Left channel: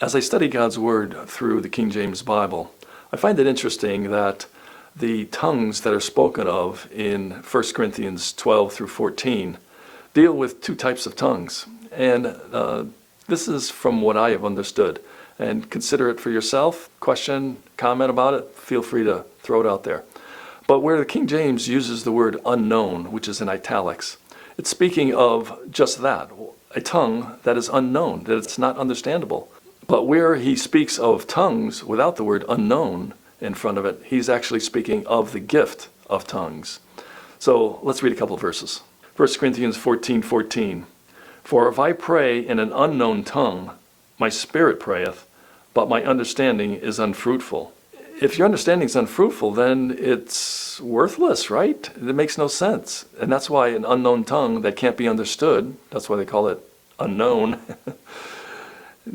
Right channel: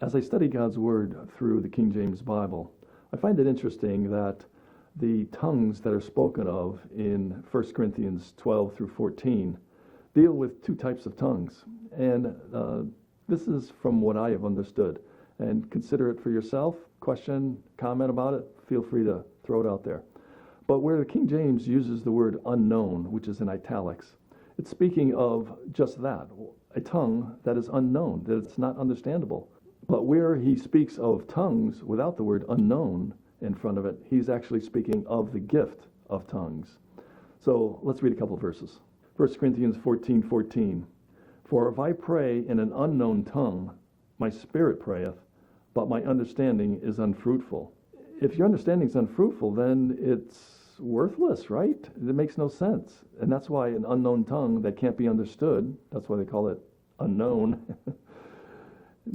As I study God's Word through the King James Bible, I find it interesting that the tongues that are spoken of in 1 Corinthians 12 through 14 deal with two types of tongues. And this is from what I have understood. And consider it for yourself. Question, comment about it, feel free to throw it out there. But where the King James uses the word unknown, which is in italics, it's speaking of just that, a tongue that is unknown, that it's not understandable. But where he speaks of tongues without the word unknown in front of it, he's actually speaking of the gift of tongues. So let's read a couple of verses. 1 Corinthians 14:14. For if I pray in an unknown tongue, my spirit prayeth, but my understanding is unfruitful. If your understanding is unfruitful, then it's worthless, right? It makes no sense. And that's why an unknown tongue that can't be understood, that's why they call it unknown,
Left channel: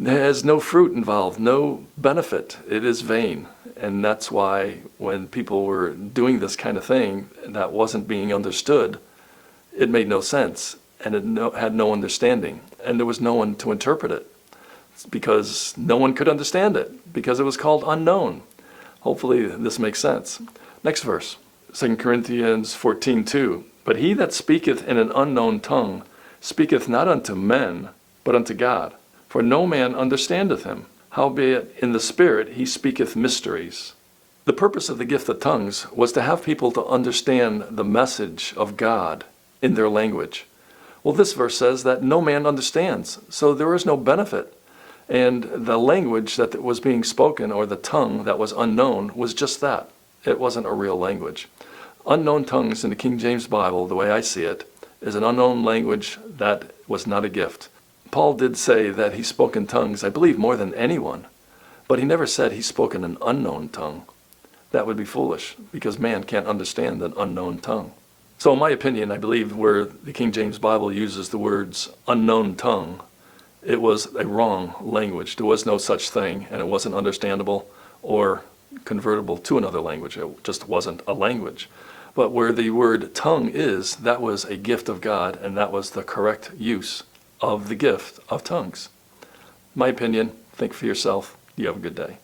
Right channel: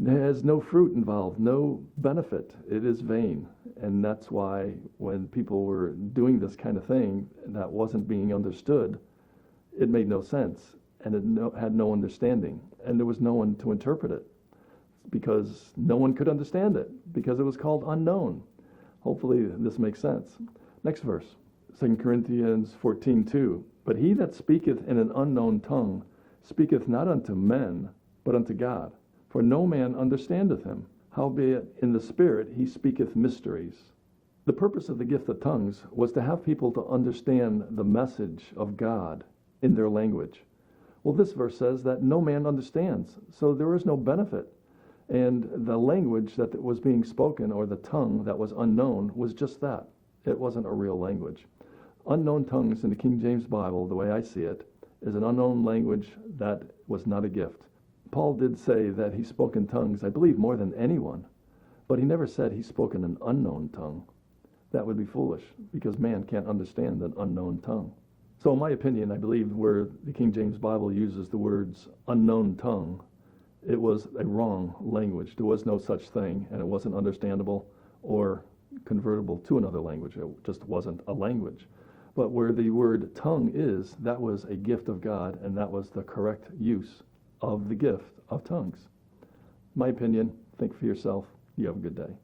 has no fruit involved, no benefit. It is vain. And that's why when people were doing this kind of thing that wasn't being understood, it made no sense. And it had no understanding. And there was no one to interpret it. It's because no one could understand it, because it was called unknown. Hopefully this makes sense. Next verse, 2 Corinthians 14:2. But he that speaketh in an unknown tongue speaketh not unto men, but unto God. For no man understandeth him. Howbeit in the Spirit he speaketh mysteries. The purpose of the gift of tongues was to have people to understand the message of God in their language. Well, this verse says that no man understands, so there is no benefit. And the language that was being spoken, or the tongue that was unknown, was just that. It wasn't a real language. Unknown tongues in the King James Bible, the way I see it, is an unknown language that was not a gift. Paul did say that he spoke in tongues, I believe, more than anyone, but he never said he spoke in an unknown tongue. That would be foolish, because man can't understand an unknown tongue. So in my opinion, I believe where the King James Bible uses the words unknown tongue, it was a wrong language. There was no such thing, and it wasn't understandable or convertible to another language. It just wasn't a language. But where the word tongue is, that was a gift of God, and that was the correct use of the gift of tongues. My opinion, think for yourself. You have a good day.